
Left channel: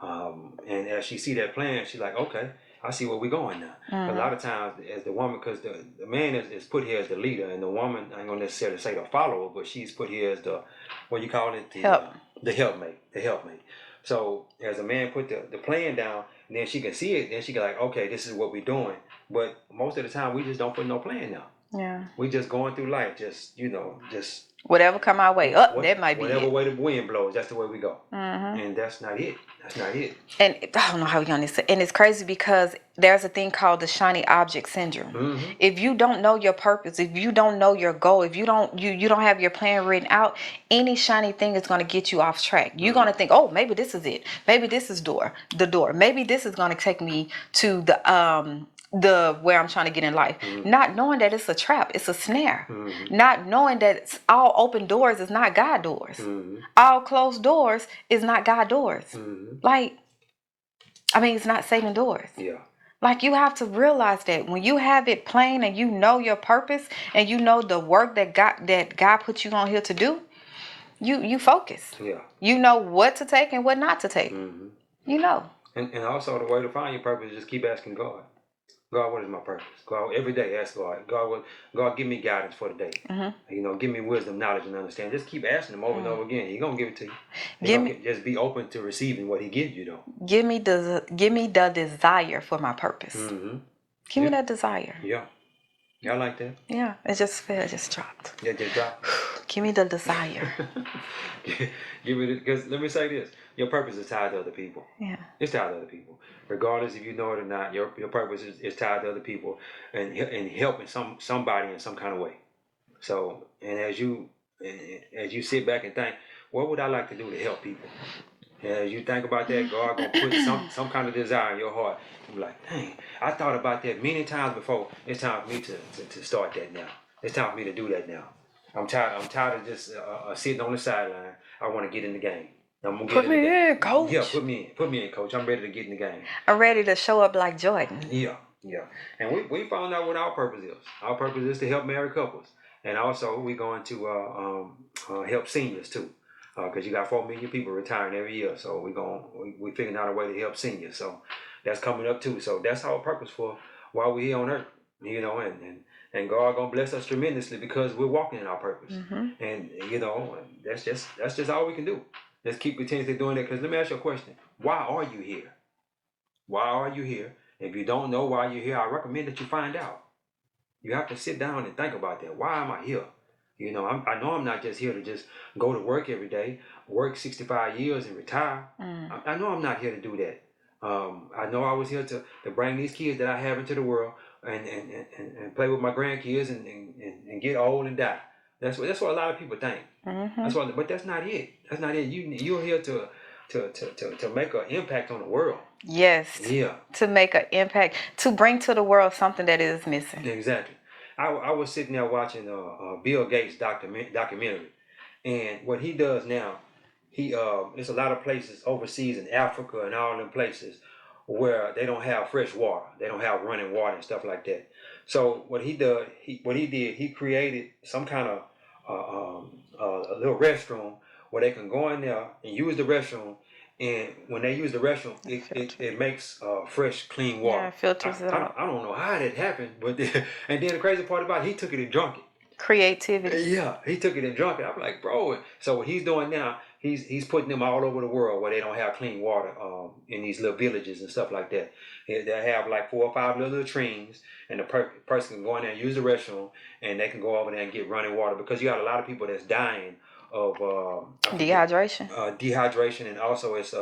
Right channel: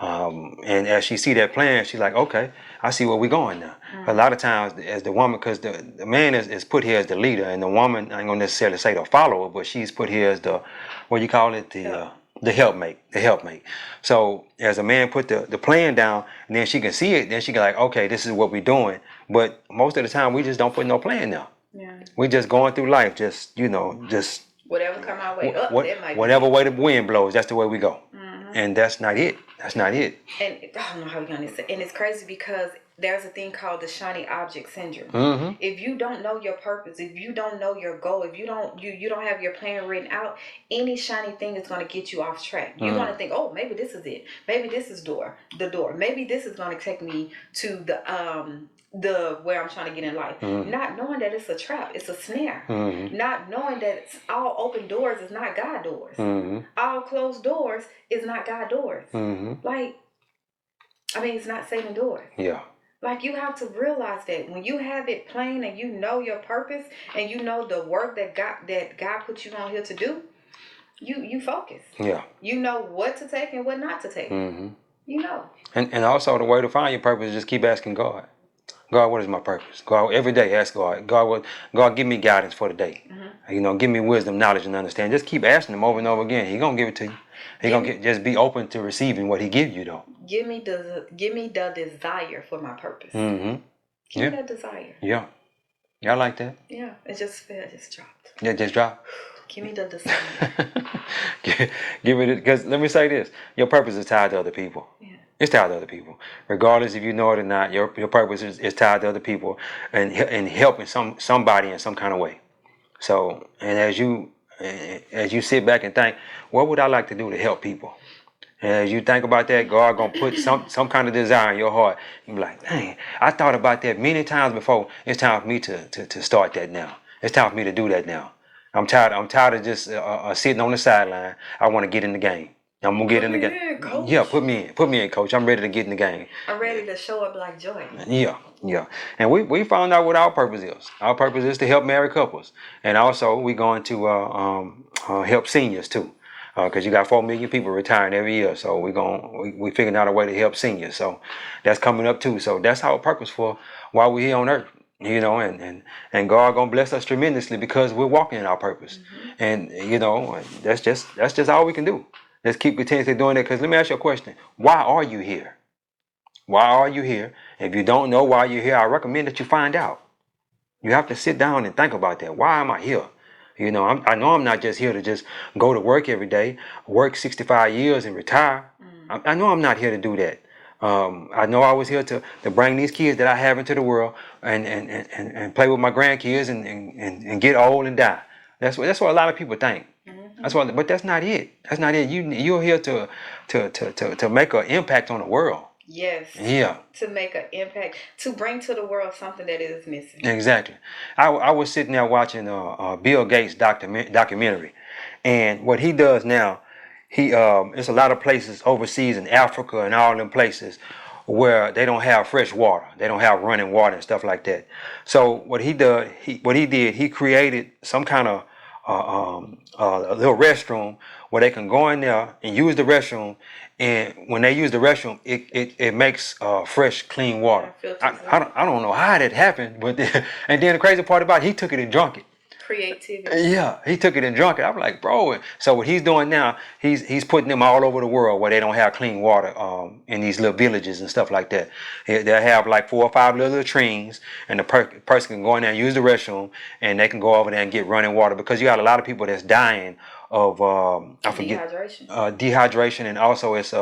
And as she see that plan, she's like, okay, I see where we're going now. A lot of times, as the woman, because the man is put here as the leader, and the woman, I ain't gonna necessarily say the follower, but she's put here as the, what you call it? The helpmate. So as a man put the plan down, and then she can see it, then she can like, okay, this is what we're doing. But most of the time, we just don't put no plan down. Yeah. We just going through life, just Whatever come our way up, that might be whatever it. way the wind blows, that's the way we go. And that's not it. That's not it. And I don't know how we on this. And it's crazy because there's a thing called the shiny object syndrome. If you don't know your purpose, if you don't know your goal, if you don't have your plan written out, any shiny thing is going to get you off track. You're going to think, oh, maybe this is it. Maybe this is the door. Maybe this is going to take me to the where I'm trying to get in life. Not knowing that it's a trap, it's a snare. Not knowing that it's all open doors is not God doors. All closed doors is not God doors. Like, I mean, it's not Satan doors. Yeah. Like, you have to realize that when you have it plain and you know your purpose and you know the work that God put you on here to do, you focus. Yeah. You know what to take and what not to take. You know. And also the way to find your purpose is just keep asking God. God, what is my purpose? God, every day ask God. God, give me guidance for the day. You know, give me wisdom, knowledge, and understanding. Just keep asking Him over and over again. He gonna give it to you. He gonna just be open to receiving what He gives you, though. Give me the desire for my purpose. Give me that desire. Yeah. Yeah, I like that. Yeah, it just dropped. Yeah, just drop. Give me the desire. Give it, because let me say this: your purpose is tied to other people. Yeah. It's tied to other people, regardless if you know it or not. Your purpose is tied to other people and helping somebody in some kind of way. So, and as you sit back and think, what would I like to do to help people? And as you think about that, God gonna put some kind of desire in your heart. You be like, dang, I thought about that many times before. It's time for me to start that now. It's time for me to do that now. I'm tired of just sitting on the sideline. I want to get in the game. I'm gonna get in the game. Put me in, coach. Yeah, put me in, coach. I'm ready to get in the game. I'm ready to show up like Jordan. Yeah. And we found out what our purpose is. Our purpose is to help married couples, and also we're going to help seniors too, because you got 4 million people retiring every year. So we figuring out a way to help seniors. So that's coming up too. So that's our purpose for while we're here on earth. You know, and God gonna bless us tremendously because we're walking in our purpose. And you know, that's just all we can do. Let's keep continuously doing that. Because let me ask you a question: why are you here? Why are you here? If you don't know why you're here, I recommend that you find out. You have to sit down and think about that. Why am I here? You know, I know I'm not just here to just go to work every day, work 65 years and retire. I know I'm not here to do that. I know I was here to bring these kids that I have into the world and play with my grandkids and get old and die. That's what a lot of people think. But that's not it. That's not it. You're here to make an impact on the world. Yes. Yeah. To make an impact, to bring to the world something that is missing. Exactly. I was sitting there watching Bill Gates documentary, and what he does now, it's a lot of places overseas in Africa and all them places where they don't have fresh water, they don't have running water and stuff like that. So what he did, he created some kind of a little restroom where they can go in there and use the restroom. And when they use the restroom, it makes fresh, clean water. Yeah, I don't know how that happened, but and then the crazy part about it, he took it and drunk it. Creativity. Yeah, he took it and drunk it. I'm like, bro. So what he's doing now, he's putting them all over the world where they don't have clean water in these little villages and stuff like that. They'll have like 4 or 5 little latrines, and the person can go in there and use the restroom, and they can go over there and get running water because you got a lot of people that's dying of dehydration, and also it's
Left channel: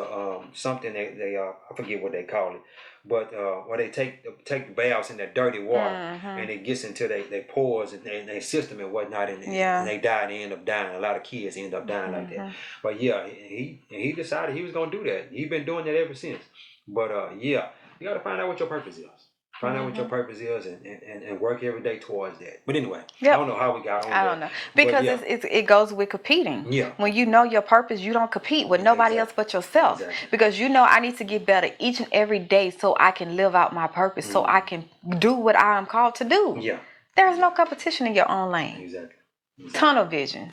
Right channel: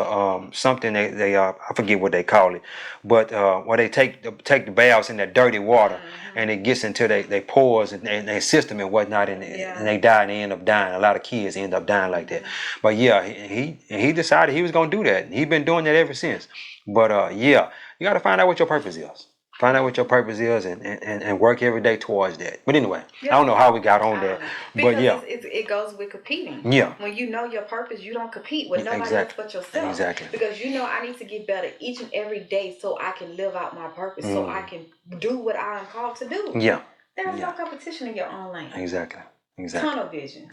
something they I forget what they call it, but where they take the baths in that dirty water, and it gets into their pores and their system and whatnot, and they die and they end up dying. A lot of kids end up dying like that. But yeah, he decided he was gonna do that. He's been doing that ever since. But yeah, you got to find out what your purpose is. Find out what your purpose is and work every day towards that. But anyway, I don't know how we got on that. I don't know. Because it goes with competing. Yeah. When you know your purpose, you don't compete with nobody else but yourself. Exactly. Because you know I need to get better each and every day so I can live out my purpose, so I can do what I am called to do. Yeah. There's no competition in your own lane. Exactly. Tunnel vision.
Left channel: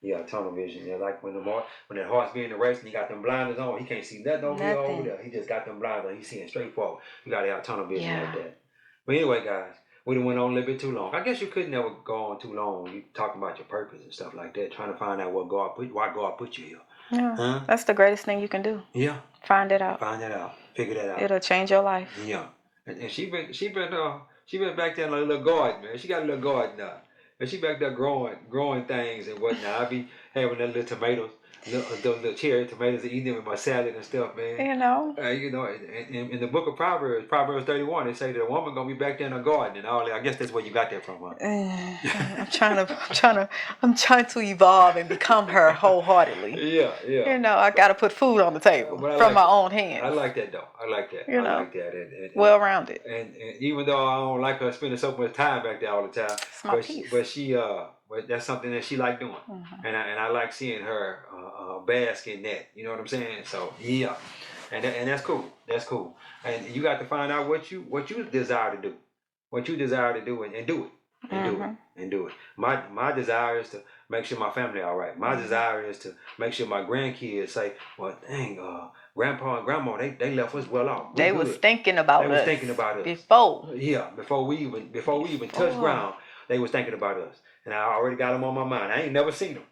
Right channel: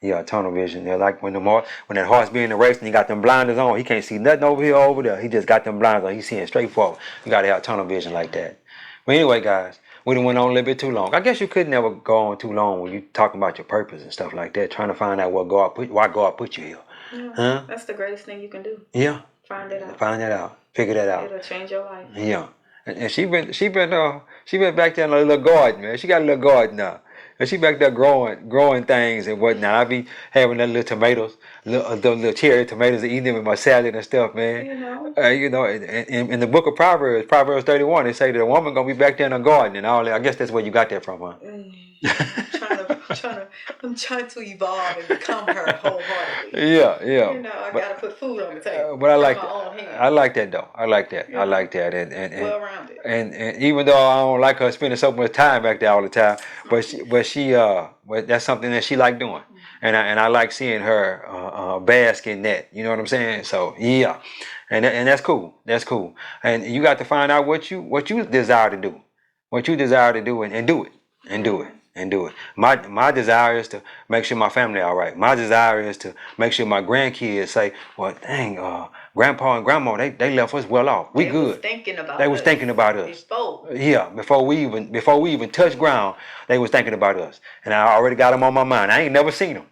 Yeah, tunnel vision. Yeah, like when that horse be in the race and he got them blinders on, he can't see nothing over here, over there. He just got them blinders on. He's seeing straight forward. You got to have tunnel vision like that. But anyway, guys, we done went on a little bit too long. I guess you could never go on too long when you talking about your purpose and stuff like that, trying to find out why God put you here. Yeah, that's the greatest thing you can do. Yeah. Find it out. Find that out. Figure that out. It'll change your life. Yeah. And she been back there in a little garden, man. She got a little garden now. And she back there growing things and whatnot. I be having that little tomatoes, the little cherry tomatoes, and eating them in my salad and stuff, man. You know. In the book of Proverbs 31, they say that a woman gonna be back there in the garden and all that. I guess that's where you got that from, huh? I'm trying to evolve and become her wholeheartedly. Yeah. You know, I gotta put food on the table But I from like my own hands. I like that though. I like that. You I know, like that. And well rounded. And even though I don't like her spending so much time back there all the time, but that's something that she like doing, and I like seeing her bask in that. You know what I'm saying? So yeah, and that's cool. That's cool. And you got to find out what you desire to do, and do it, and do it. And do it. My desire is to make sure my family all right. My desire is to make sure my grandkids say, "Well, dang, grandpa and grandma, they left us well off. We they good." Was thinking about they us was thinking about us before. Yeah, before we even touched ground, they was thinking about us, and I already got them on my mind. I ain't never seen them.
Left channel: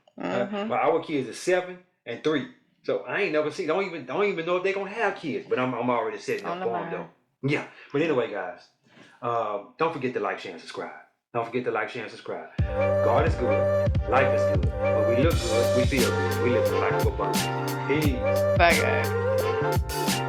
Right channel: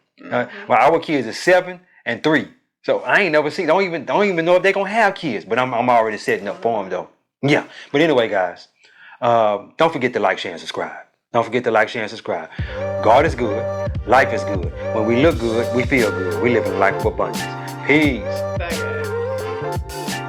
But our kids are 7 and 3, so I ain't never seen. Don't even know if they gonna have kids. But I'm already setting up for them though. Yeah. But anyway, guys, don't forget to like, share, and subscribe. Don't forget to like, share, and subscribe. God is good. Life is good. When we look good, we feel good. We live in a life of abundance. Peace. Bye, guys.